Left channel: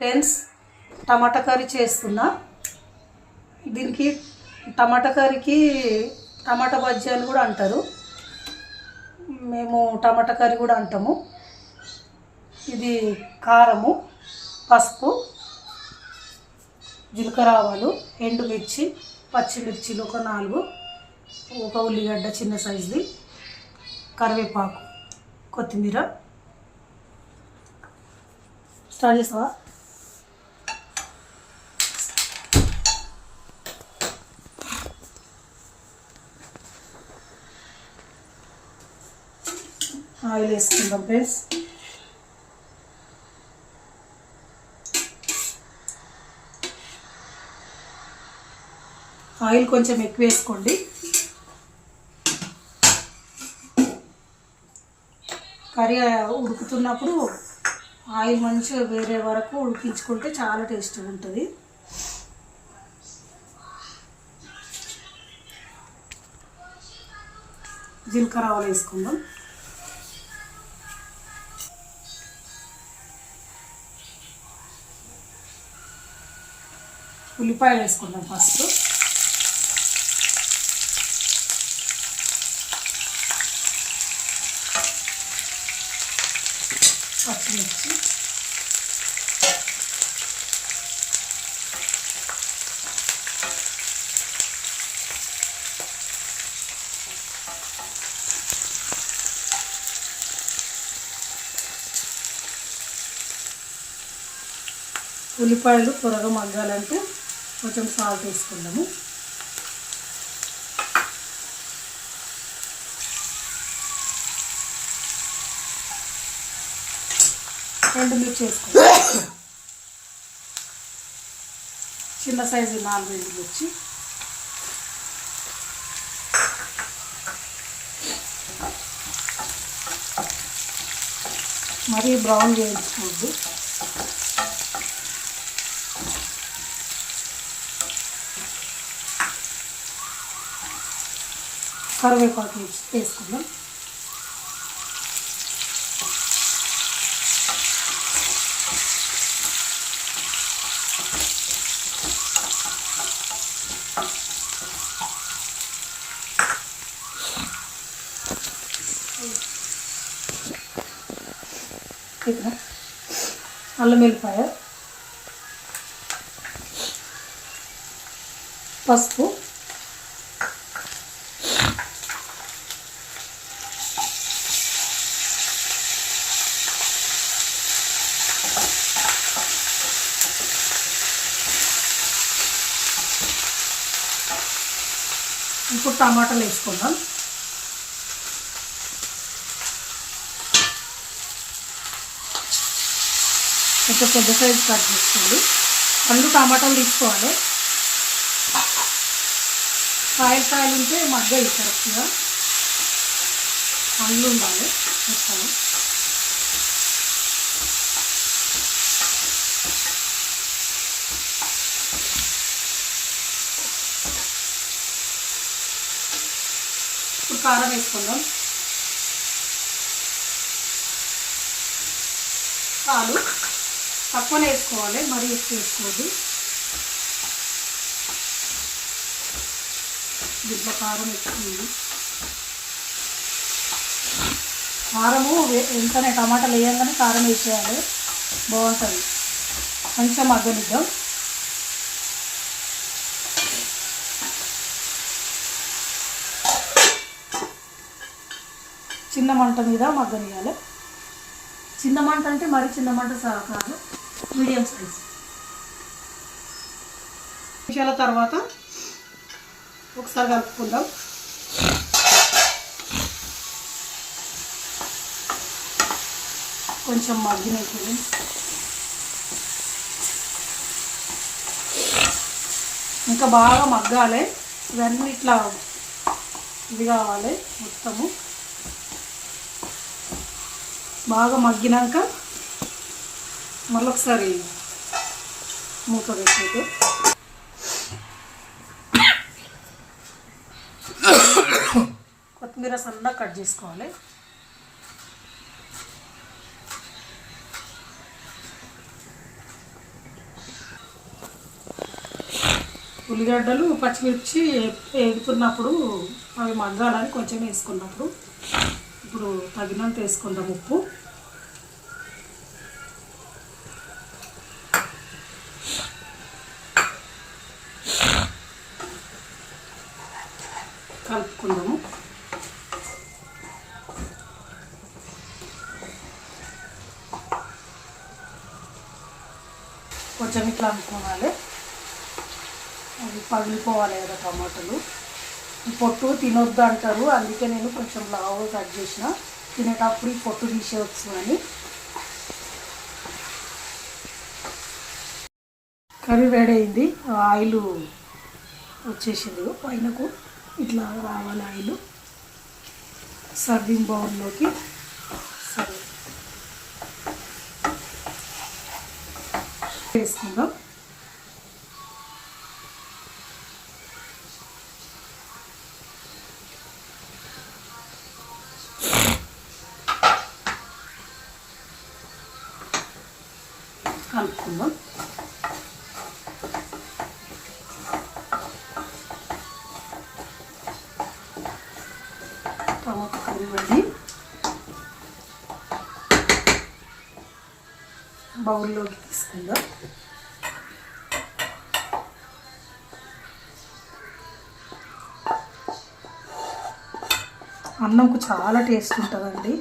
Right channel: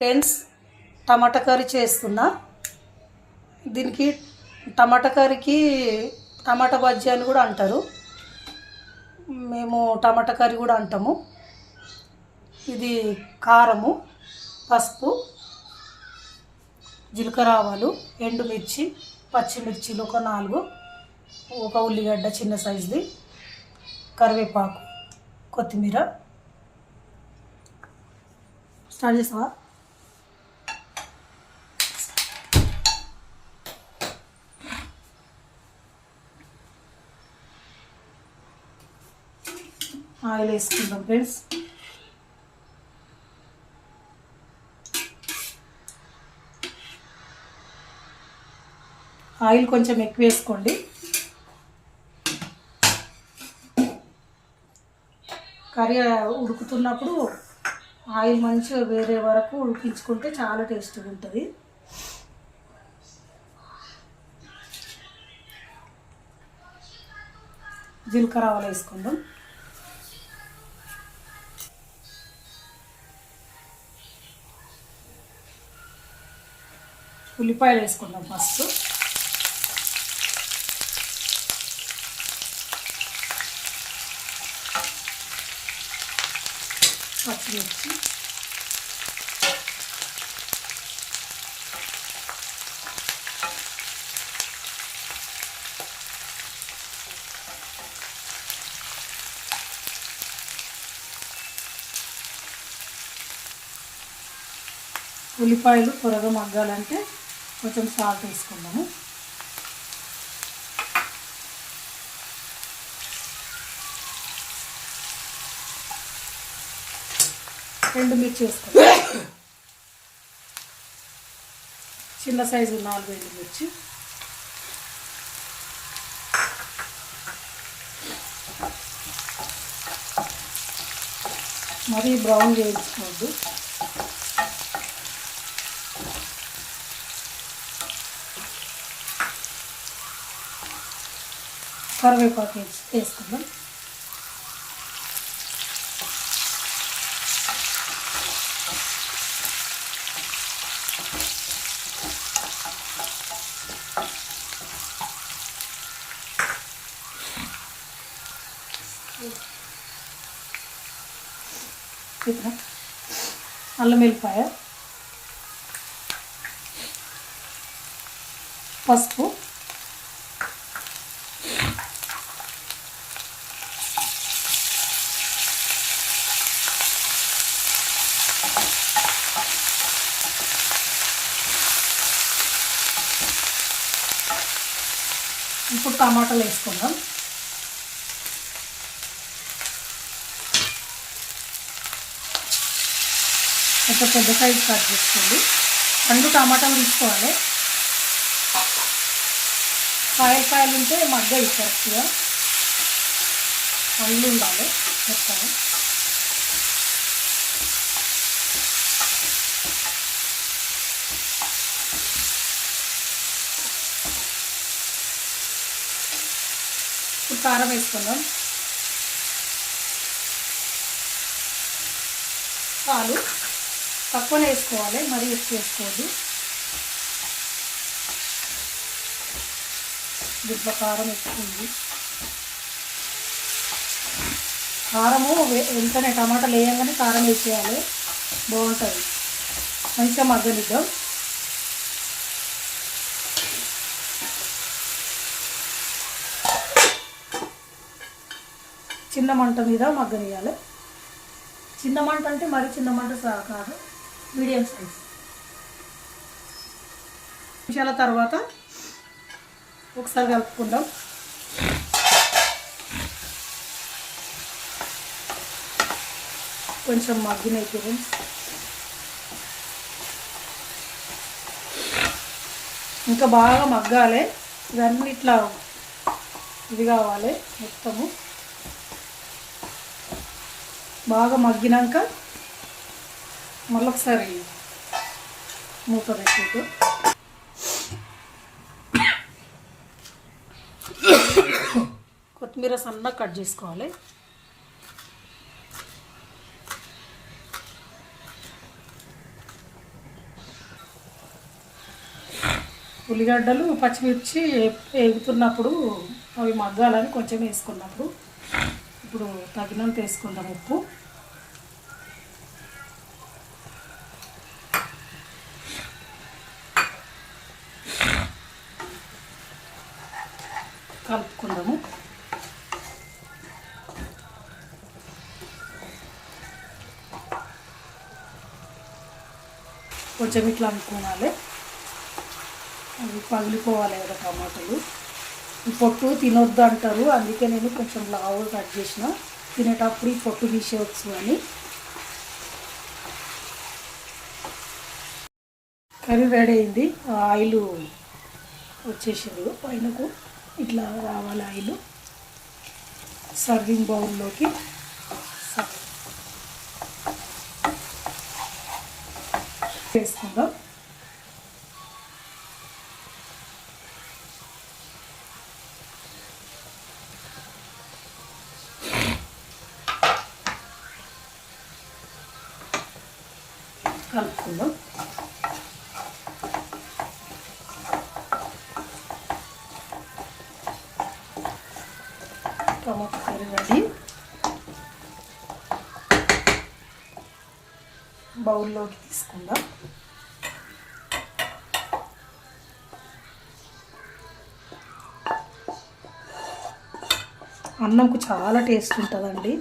Friends, టమాటా curry చేస్తున్నా. దీనికి టమాటా కర్రీకి టమాటా బజ్జీ అని కూడా అంటారు. మేము టమాటా కర్రీ కూడా అంటాము. ఇది కారము, పసుపు, జీలకర్ర, ఆవాలు, ఎండుమిర్చి, పచ్చిమిర్చిలు ఒక 4, ఒక ఉల్లిగడ్డ చిన్న సైజుది, కరివేపాకు, కొత్తిమీర. స్టార్ట్ చేస్తావా? ఆయిల్ వేసుకుందాం ఫ్రెండ్స్. ఆయిల్ కొంచెం ఎక్కువ వేసుకోండి. కర్రీ ఉడుకుతున్నప్పుడు ఆయిల్ మంచిగా వేరే వరకు ఉడికించుకుంటే చాలా టేస్టీగా ఉంటుంది. జీలకర్ర, ఆవాలు వేసుకుందాం. ఉల్లిపాయలు వేసుకుందాం ఫస్ట్. పచ్చిమిర్చి, ఉల్లిపాయలు త్వరగా మగ్గాలంటే కొంచెం సాల్ట్ వేసుకుందాము. ఎండుమిర్చి వేసుకుందాం. చిన్న సైజు 4 ఎండుమిర్చి. మరీ బ్రౌన్ వేయించుకోవద్దు. కరివేపాకు వేసుకుందాం. అల్లం వెల్లిపాయ, పసుపు, ఇప్పుడు టమాటాలు వేసుకుందాం. కొంచెం పెద్ద సైజు కట్ చేసుకోండి. 2 టమాటాలు తీసుకోవాలి. కాయలు ఉంటే మగ్గాయి కరెక్ట్గా. పండ్లు ఉండాలి మొత్తం. ఇప్పుడు కారం వేసుకుందాం. పాలు తక్కువనే వేసుకోవాలి, మరీ ఎక్కువ వేసుకోవద్దు. దీంట్లో కారం ఎక్కువ ఉంది. కారము వెంటనే టమాటాలు వేయంగానే కారం వేసేయాలి, బాగుంటుంది. మంచిగా మగ్గనిద్దాం. చిన్న మంట మీద మగ్గనియాలి. చిన్న మంట అంటే మరి చిన్న మంట కాదు, మీడియం సైజ్. నిమిషాల తర్వాత ఒకసారి కలుపుకుందాం. కొంచెం మగ్గినప్పుడు ఇంకా బాగా మగ్గాలి. ఇవన్నీ ఇట్లా ఇది కావాలి మొత్తము. బాగా మగ్గినాక మళ్ళీ ఒకసారి మూత పెట్టుకుంటూ కొత్తిమీర సన్నగా కట్ చేసుకోవాలి. ఉల్లిగడ్డలు పచ్చిమిర్చి వేగుతున్నప్పుడు అవి మగ్గాలని కొంచెం వేసుకున్నప్పుడు ఇప్పుడు తగినంత వేసుకుందాం ఉప్పు. కలుపుకుందాము. కొంచెం ఇట్లా అనుకోవాలి, అది పగిలిపోవాలి కదా టమాటాలు. ఈ పొట్టు తినొద్దు అంటారు, అందుకే నేను కొంచెం లావుగా కట్ చేసిన, తినేటప్పుడు ఈ పొట్టు తీసేయచ్చు అని. కర్రీ రెడీ అయింది. ఆయిల్ వచ్చేసింది పైనకు, ఇట్లా రావాలి ఆయిల్. సర్వింగ్ బౌల్లోకి సర్వ్ వేసుకుందాం. కలుపుకుందాం. టమాటా కర్రీ వండి బౌల్లోకి తీసుకుందాం. అన్నంకు చాలా టేస్ట్ ఉంటుందండి.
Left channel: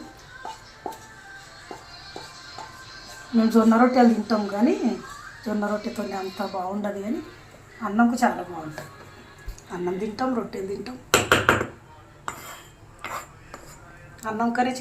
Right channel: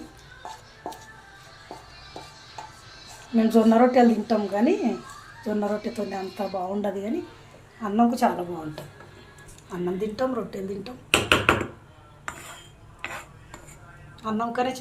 మేము జొన్న రొట్టెలు తింటాం కానీ జొన్న రొట్టెతో అంత బాగుండదు, కానీ అన్నంకు చాలా బాగుంటుంది. అన్నం తింటాం, రొట్టెలు తింటాం, అన్నం కరే